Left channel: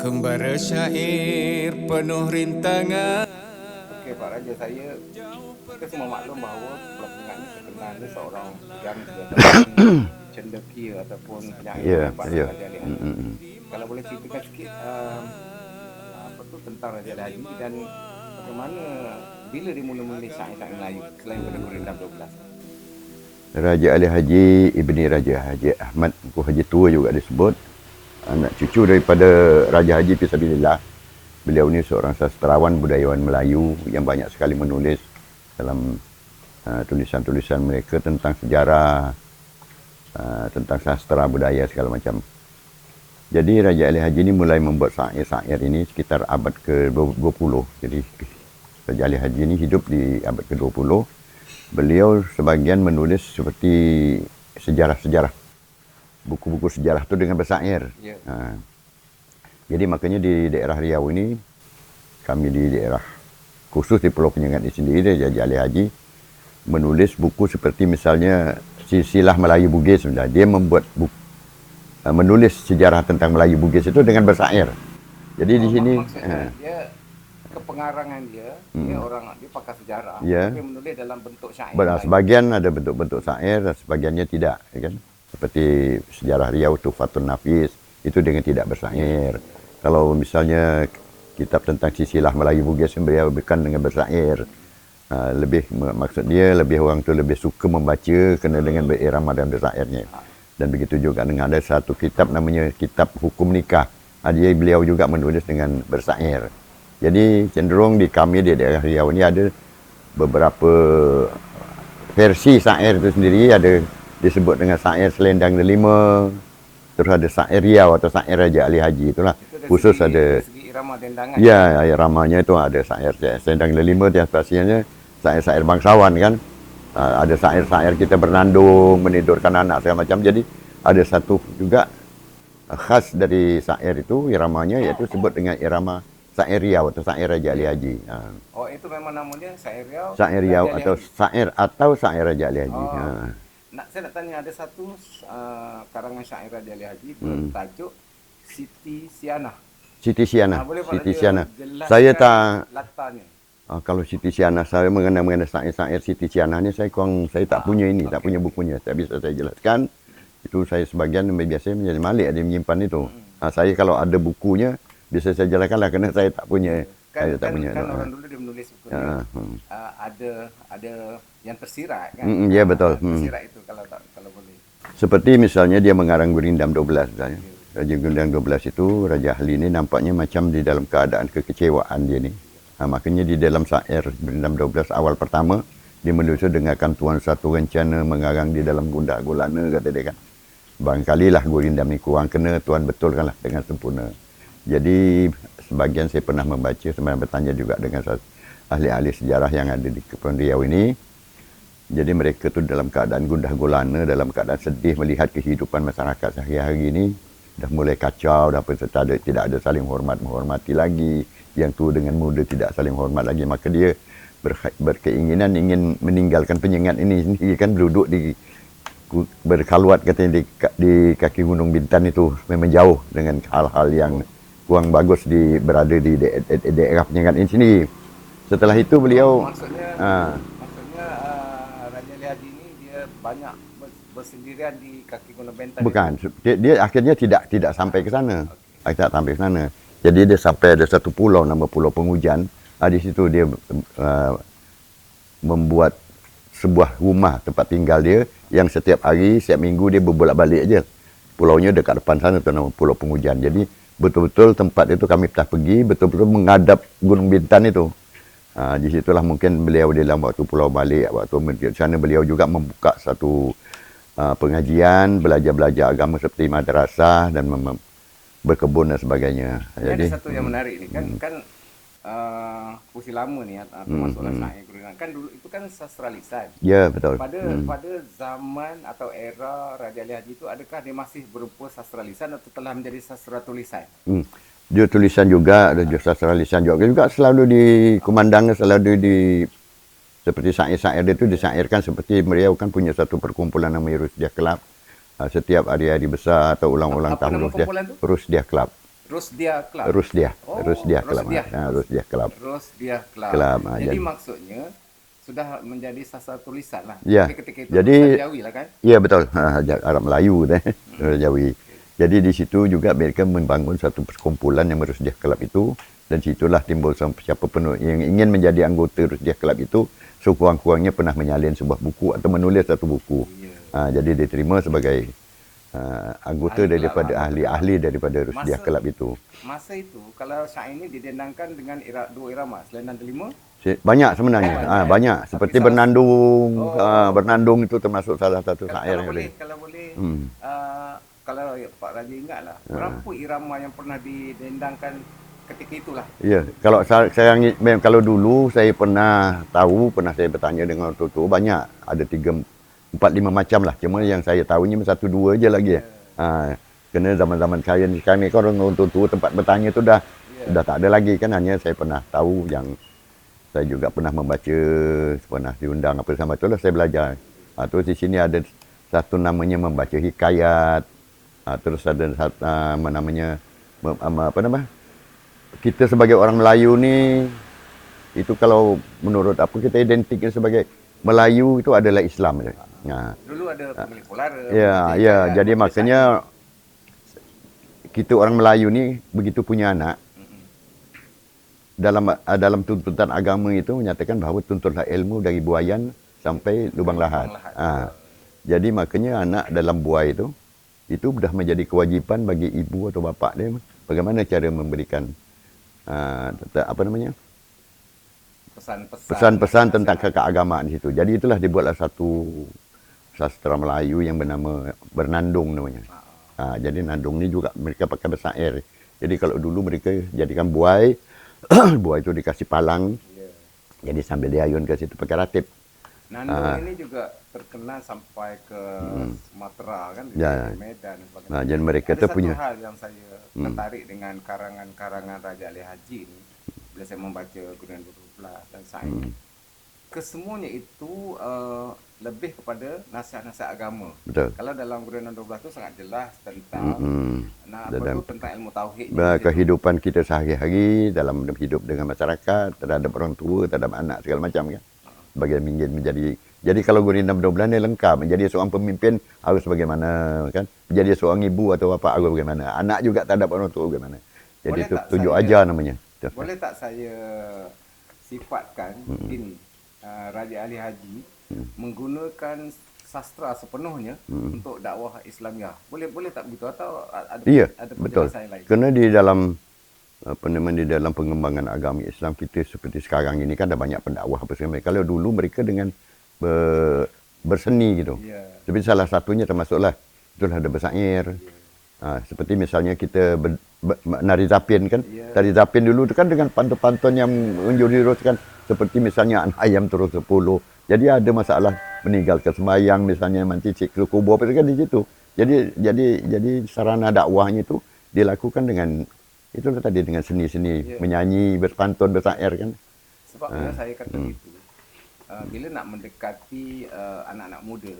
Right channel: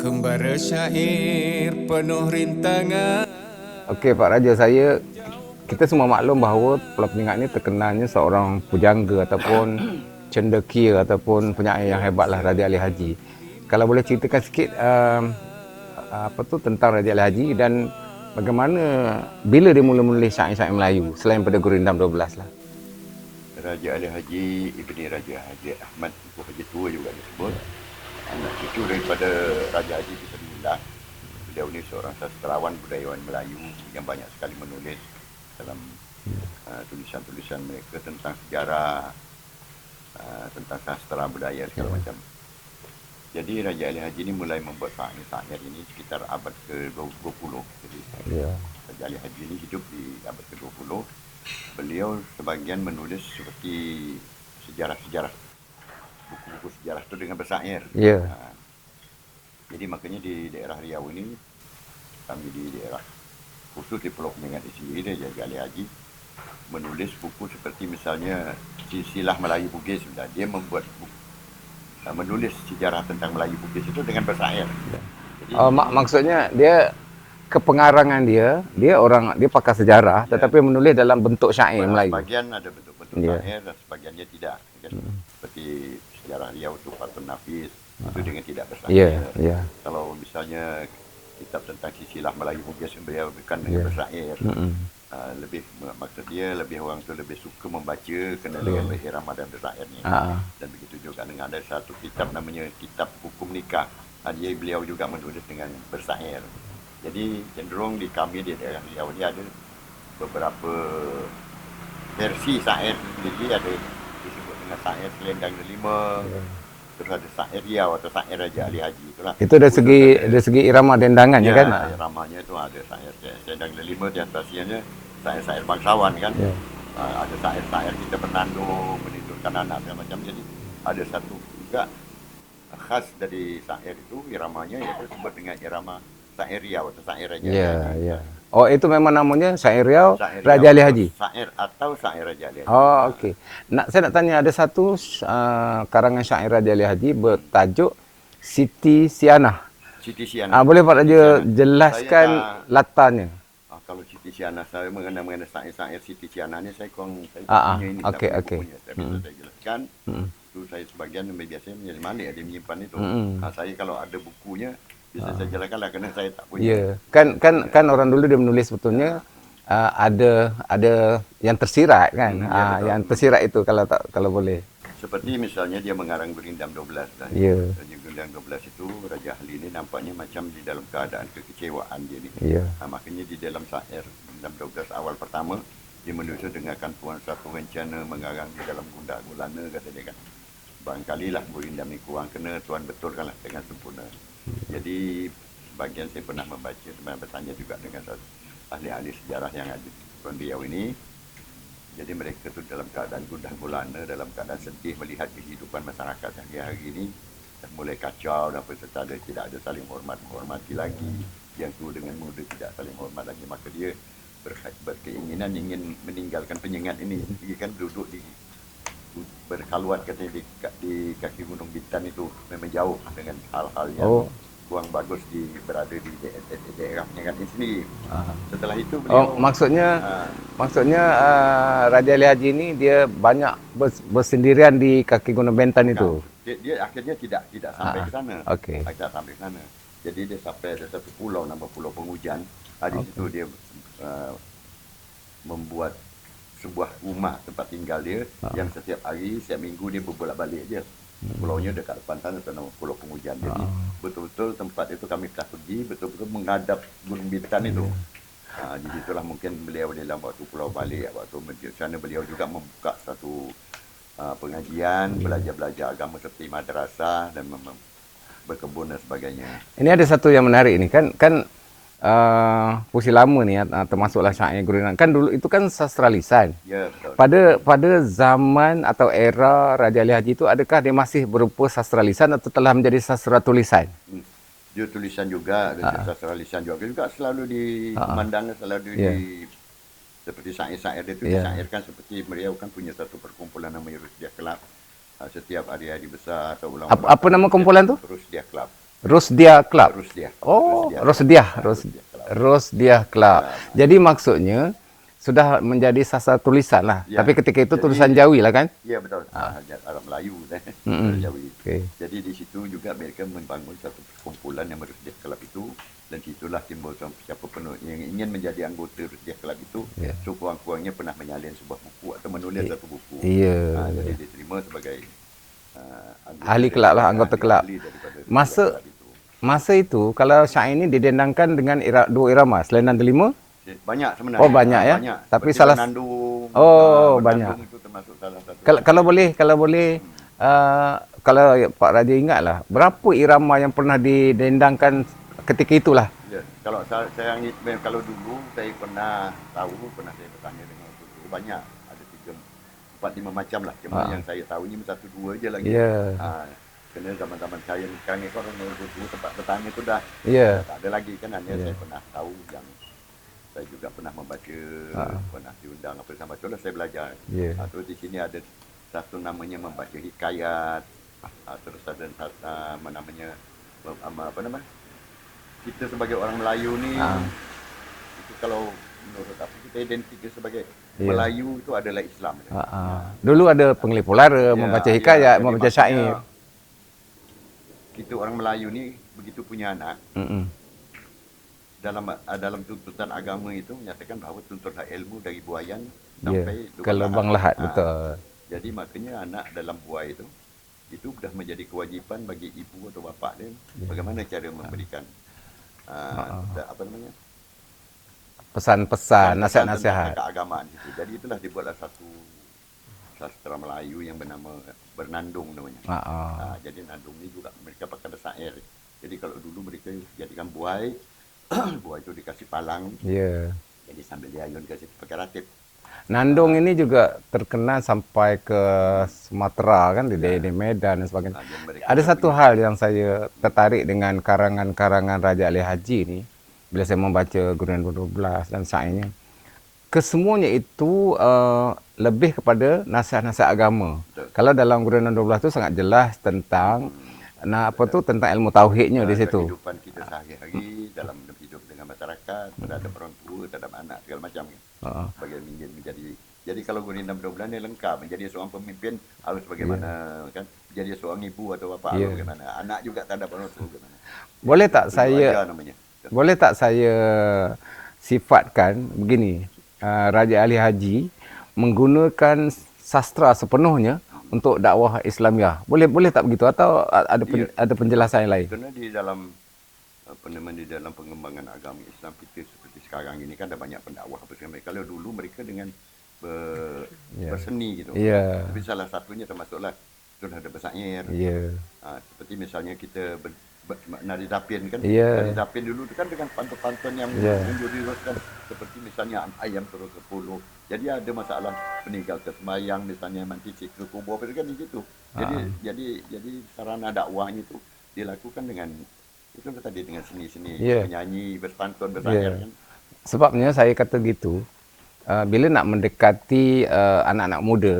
Kembara syair penuh rintangan. Okey Pak Raja, kita semua maklum bahawa Pulau Penyengat ni terkenalnya seorang pujangga ataupun cendekia ataupun penyair yang hebatlah, Raja Ali Haji. Kalau boleh ceritakan sikit tentang Raja Ali Haji dan bagaimana bila dia mula menulis syair-syair Melayu selain pada Gurindam 12 lah. Raja Ali Haji ibni Raja Haji Ahmad Engku Haji Tua juga disebut, anak cucu daripada Raja Haji Fisabilillah. Beliau ni seorang sastrawan budayawan Melayu yang banyak sekali menulis dalam tulisan-tulisan mereka tentang sejarah, tentang sastra budaya segala macam. Jadi Raja Ali Haji ni mulai membuat syair-syair ini sekitar abad ke-20. Jadi Raja Ali Haji ni hidup di abad ke-20. Beliau sebagian menulis seperti sejarah-sejarah, buku-buku sejarah tu dengan bersyair. Jadi makanya di daerah Riau ini, kami di daerah khusus di Pulau Penyengat ini sendiri, Raja Ali Haji menulis buku seperti misalnya Silsilah Melayu Bugis. Dia membuat buku, menulis sejarah tentang Melayu Bugis itu dengan bersyair. Jadi di sini maksudnya dia kepengarangan dia pakar sejarah, tetapi menulis dalam bentuk syair Melayu. Sebagian ada bentuk-bentuk syair dan sebagiannya tidak, kan? Seperti sejarah Riau Tuhfatun Nafis itu dengan tidak bersyair. Kalau misalnya kitab tentang Silsilah Melayu Bugis, beliau bukan dengan bersyair. Maksud dia orang tu lebih suka membaca kena dengan berirama dan bersyairnya. Dan begitu juga dengan ada satu kitab namanya Kitab Hukum Nikah. Beliau juga menulis dengan bersyair. Jadi cenderung di kami di daerah Riau ini ada beberapa versi syair itu sendiri. Ada disebut dengan syair Selendang Delima, terus ada syair Riau atau syair Raja Ali Haji. Itulah. Itu dari segi irama dendangan, kan? Ya, iramanya itu ada syair Selendang Delima, yang pastinya syair-syair bangsawan, kan? Ada syair-syair kita bernandung, menidurkan anak segala macam. Jadi ada satu juga khas dari syair itu iramanya, yaitu sebut dengan irama syair Riau atau syair Raja Ali Haji. Oh, itu memang namanya syair Riau, Raja Ali Haji. Syair atau syair Raja Ali Haji. Oh, okey. Saya nak tanya, ada satu karangan syair Raja Ali Haji bertajuk Siti Sianah. Siti Sianah. Boleh Pak Raja jelaskan latarnya? Kalau Siti Sianah, saya mengenai syair-syair Siti Sianah ni saya tak punya ini, tak punya bukunya. Tak bisa saya jelaskan. Itu saya sebagian biasa menjadi malik ada menyimpan itu. Saya kalau ada bukunya bisa saya jelaskanlah, kerana saya tak punya. Kan orang dulu dia menulis sebetulnya ada yang tersirat, kan? Ya, betul. Yang tersirat itu kalau boleh. Seperti misalnya dia mengarang Gurindam 12. Raja Gurindam 12 itu, Raja Ali ini nampaknya macam di dalam keadaan kekecewaan dia ni. Makanya di dalam syair Gurindam 12 awal pertama, dia menulis dengarkan Tuan satu rencana mengarang di dalam gundah gulana, kata dia, kan. Barangkali lah Gurindam ni kurang kena, Tuan betulkanlah dengan sempurna. Jadi sebagian saya pernah membaca, saya bertanya juga dengan ahli-ahli sejarah yang ada di Kepulauan Riau ini. Jadi mereka tu dalam keadaan gundah gulana, dalam keadaan sedih melihat kehidupan masyarakat sehari-hari ini dah mulai kacau, tidak ada saling menghormati lagi. Yang tu dengan muda tidak saling hormat lagi, maka dia berkeinginan ingin meninggalkan Penyengat ini sendiri, kan, duduk berkhaluat katanya di kaki Gunung Bintan itu, memang jauh dengan hal-hal yang kurang bagus berada di daerah Penyengat ini sini. Setelah itu beliau maksudnya Raja Ali Haji ini dia banyak bersendirian di kaki Gunung Bintan. Bukan. Itu. Dia akhirnya tidak sampai ke sana. Tidak sampai ke sana. Jadi dia sampai ada satu pulau nama Pulau Pengujan. Di situ dia membuat sebuah rumah tempat tinggal dia yang setiap hari, setiap minggu dia berbolak-balik aja. Pulaunya dekat depan sana tu nama Pulau Pengujan. Jadi betul-betul tempat itu kami pernah pergi, betul-betul menghadap Gunung Bintan itu. Di situlah mungkin beliau dalam waktu pulau balik, waktu di sana beliau juga membuka satu pengajian, belajar agama seperti madrasah dan berkebun dan sebagainya. Ini ada satu yang menarik ini, kan puisi lama ni, termasuklah syair Gurindam. Kan dulu itu kan sastra lisan. Ya, betul. Pada zaman atau era Raja Ali Haji itu, adakah dia masih berupa sastra lisan atau telah menjadi sastra tulisan? Dia tulisan juga, ada sastra lisan juga selalu dikumandangkan, selalu seperti syair-syair dia itu disyairkan. Seperti beliau kan punya satu perkumpulan namanya Rusdiah Club. Setiap hari-hari besar atau ulang-ulang apa nama kumpulan tu? Rusdiah Club. Rosdiah Club. Rusdiah. Oh, Rusdiah. Rosdiah. Rusdiah Club. Rosdiah Club. Club, Jadi jadi- maksudnya sudah menjadi sasar tulisan lah. Ya. Tapi ketika itu Jadi- tulisan Jawi lah kan? Ya betul, Arab Melayu deh, Jawi. Okey. Jadi di situ juga mereka membangun satu perkumpulan yang Rusdiah Club itu, dan situlah timbul siapa penuh yang ingin menjadi anggota Rusdiah Club itu, sekurang-kurangnya pernah menyalin sebuah buku atau menulis satu buku. Ya. Jadi diterima sebagai anggota Ahli kelab lah, anggota kelab. ahli daripada Rusdiah Club itu. Masa itu kalau syair ini didendangkan dengan dua irama, selain delima. Banyak sebenarnya. Oh, banyak, ya? Banyak. Tapi Seperti salah- Bernandung. Oh, Bernandung itu termasuk salah satu. Kalau boleh kalau Pak Raja ingatlah, berapa irama yang pernah didendangkan ketika itulah? Ya, kalau kalau dulu saya pernah saya bertanya dengan orang tua, banyak, ada 3, 4, 5 macam lah. Cuma yang saya tahunya 1, 2 je lagi. Ya. Kena zaman-zaman saya ni sekarang ni kan orang tua tempat bertanya tu dah tak ada lagi kan, hanya saya pernah tahu yang saya juga pernah membaca, pernah diundang apa sama itulah saya belajar. Terus di sini ada satu namanya membaca hikayat. Terus ada namanya kita sebagai orang Melayu ni itu kalau menurut apa kita identiknya sebagai Melayu itu adalah Islam. Dulu ada pengelip lara, membaca hikayat, jadi membaca maksudnya syair. kita orang Melayu ni begitu punya anak, dalam tuntutan agama itu menyatakan bahawa tuntutlah ilmu dari buayan sampai lubang lahat. Betul. Jadi makanya anak dalam buai itu sudah menjadi kewajipan bagi ibu atau bapa dia bagaimana cara memberikan Pesan-pesan tentang nasihat. keagamaan di situ. Jadi itulah dibuatlah satu sastra Melayu yang bernama Bernandung namanya. Jadi Nandung ni juga mereka pakai bersair. Jadi kalau dulu mereka jadikan buai, buai itu dikasih palang. Jadi sambil diayun ke situ pakai ratip. Nandung ini juga terkenal sampai ke Sumatera kan, di Medan dan sebagainya. Jadi mereka Ada tu satu punya- hal yang saya tertarik dengan karangan-karangan Raja Ali Haji ini, bila saya membaca Gurindam 12 dan syairnya. Kesemuanya itu lebih kepada nasihat-nasihat agama. Betul. Kalau dalam Gurindam 12 itu sangat jelas tentang tentang ilmu tauhidnya di situ. kehidupan kita sehari-hari dalam hidup dengan masyarakat, terhadap orang tua, terhadap anak segala macam kan. Bagaimana ingin menjadi, jadi kalau Gurindam 12 ni lengkap, menjadi seorang pemimpin harus bagaimana kan, menjadi seorang ibu atau bapa harus bagaimana, anak juga terhadap orang tua bagaimana. Jadi Boleh itu tak tunjuk saya- ajar namanya. Boleh tak saya sifatkan begini, Raja Ali Haji menggunakan sastra sepenuhnya untuk dakwah Islamiah. Boleh tak begitu atau ada penjelasan yang lain? Kerana di dalam di dalam pengembangan agama Islam kita seperti sekarang ini kan ada banyak pendakwah apa segala. Kalau dulu mereka dengan berseni gitu. Tapi salah satunya termasuklah itulah ada bersair. Seperti misalnya kita nari zapin kan. Nari zapin dulu tu kan dengan pantun-pantun yang menjuruskan seperti misalnya anak ayam turun 10. Jadi ada masalah meninggalkan sembahyang misalnya mencicik ke kubur apa kan di situ. Jadi sarana dakwahnya itu dilakukan dengan itu tadi dengan seni-seni menyanyi, berpantun, bersair kan. Sebabnya saya kata gitu, bila nak mendekati anak-anak muda,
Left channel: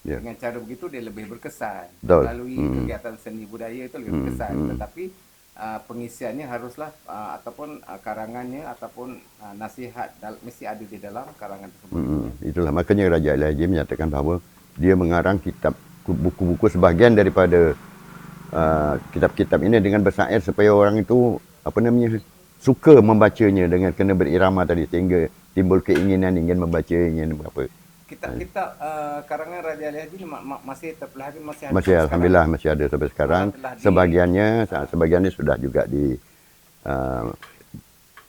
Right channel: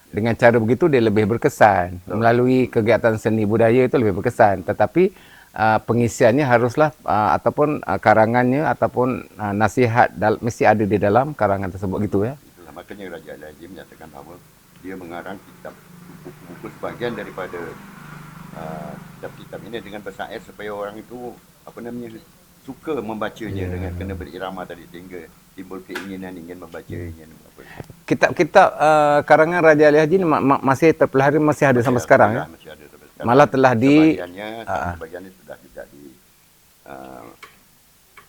dengan cara begitu dia lebih berkesan. Betul. Melalui kegiatan seni budaya itu lebih berkesan. Tetapi pengisiannya haruslah ataupun karangannya ataupun nasihat mesti ada di dalam karangan tersebut gitu ya. Itulah makanya Raja Ali Haji menyatakan bahawa dia mengarang kitab buku-buku sebahagian daripada kitab-kitab ini dengan bersair supaya orang itu suka membacanya dengan kena berirama tadi sehingga timbul keinginan ingin membaca, ingin apa. Kitab-kitab karangan Raja Ali Haji ini masih terpelihara, masih ada sampai sekarang. Alhamdulillah masih ada sampai sekarang. Malah telah sebagiannya sudah juga di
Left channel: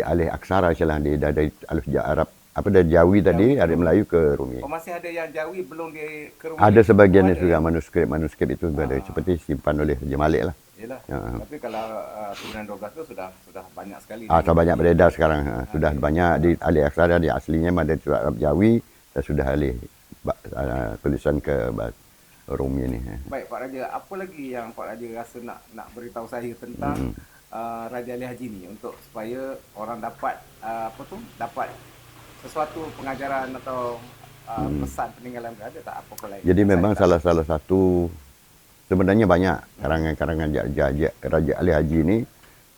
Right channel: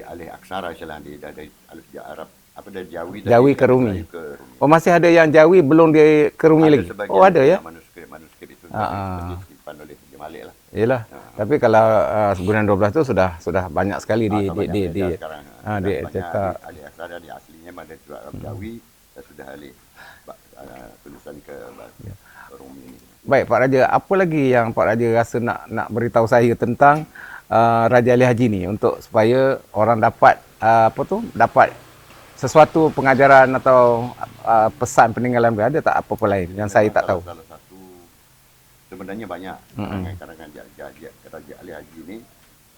alih aksara di dari alif Arab dari Jawi tadi Jawi ke ada Rumi. Melayu ke Rumi. Oh, masih ada yang Jawi belum dia ke Rumi Ada lagi? sebagian ada ya? manuskrip itu ada seperti simpan oleh Haji Malik lah. Yalah. Tapi kalau Gurindam 12 itu sudah banyak sekali Banyak beredar sekarang. Sudah banyak di alih aksara, di aslinya ada Arab Jawi dan sudah alih tulisan ke bahasa Rumi ni. Baik Pak Raja, apa lagi yang Pak Raja rasa nak beritahu saya tentang Raja Ali Haji ni untuk supaya orang dapat dapat sesuatu pengajaran atau pesan peninggalan dia, ada tak apa-apa lain? Jadi yang memang saya tak tahu? salah satu Sebenarnya banyak karangan-karangan Raja Ali Haji ini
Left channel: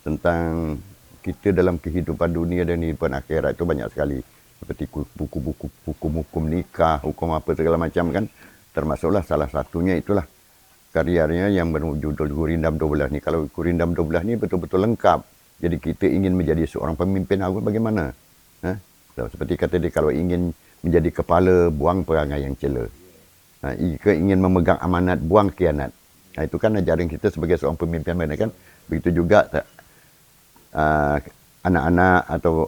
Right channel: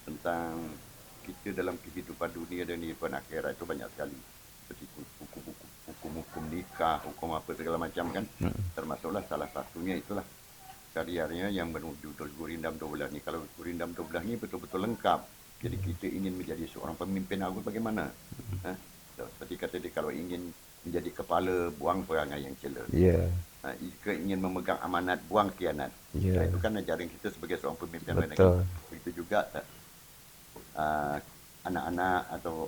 tentang kita dalam kehidupan dunia dan kehidupan akhirat itu banyak sekali. Seperti buku-buku hukum nikah, hukum apa segala macam kan. Termasuklah salah satunya itulah karyanya yang berjudul Gurindam 12 ni. Kalau Gurindam 12 ni betul-betul lengkap. Jadi kita ingin menjadi seorang pemimpin agung bagaimana? Seperti kata dia, kalau ingin menjadi kepala, buang perangai yang cela. Jika ingin memegang amanat, buang khianat. Itu kan ajaran kita sebagai seorang pemimpin mana kan. Begitu juga anak-anak atau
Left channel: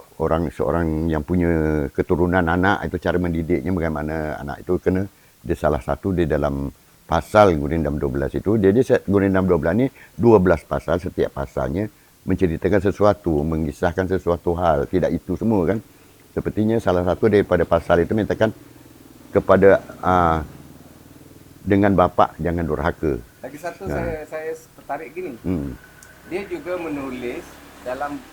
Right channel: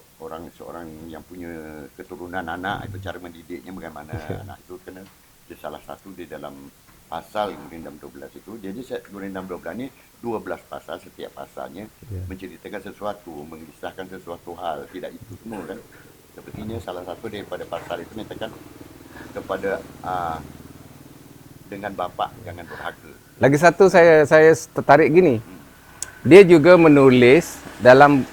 seorang yang punya keturunan anak, itu cara mendidiknya bagaimana. Anak itu kena, dia salah satu di dalam pasal Gurindam 12 itu, dia Gurindam 12 ni 12 pasal, setiap pasalnya menceritakan sesuatu, mengisahkan sesuatu hal, tidak itu semua kan. Sepertinya salah satu daripada pasal itu menyatakan kepada dengan bapa jangan durhaka. Lagi satu saya tertarik gini. Dia juga menulis dalam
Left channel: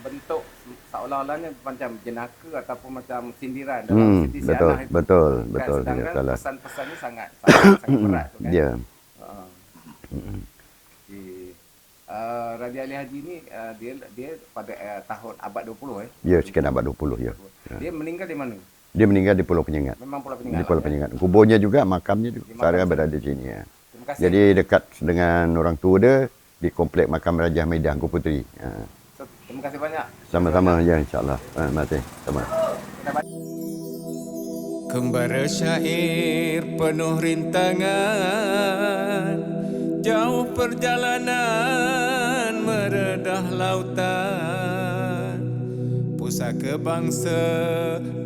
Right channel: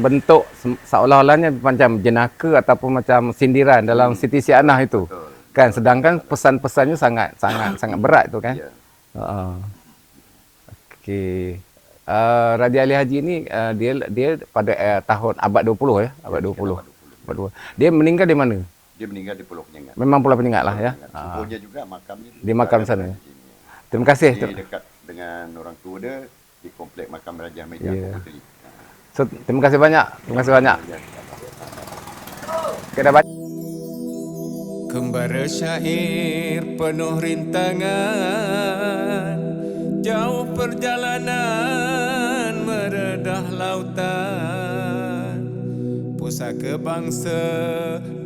bentuk seolah-olahnya macam jenaka ataupun macam sindiran dalam Siti Sianah itu. Betul. Kan sedangkan pesan-pesannya sangat berat itu kan. Ya. Okey. Raja Ali Haji ni dia pada tahun abad 20 ya. Abad 20 ya. Dia meninggal di mana? Dia meninggal di Pulau Penyengat. Memang Pulau Penyengat lah ya. Kuburnya juga, makamnya di makam berada di sini ya. Terima kasih. Jadi dekat dengan orang tua dia di komplek makam Raja Media Angku Puteri. So, terima kasih banyak. Terima kasih banyak. Ya, insya-Allah. Terima kasih. Kita dapat Kembara syair penuh rintangan, jauh perjalanan meredah lautan, pusaka bangsa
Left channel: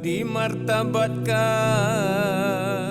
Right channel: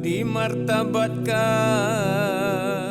dimartabatkan.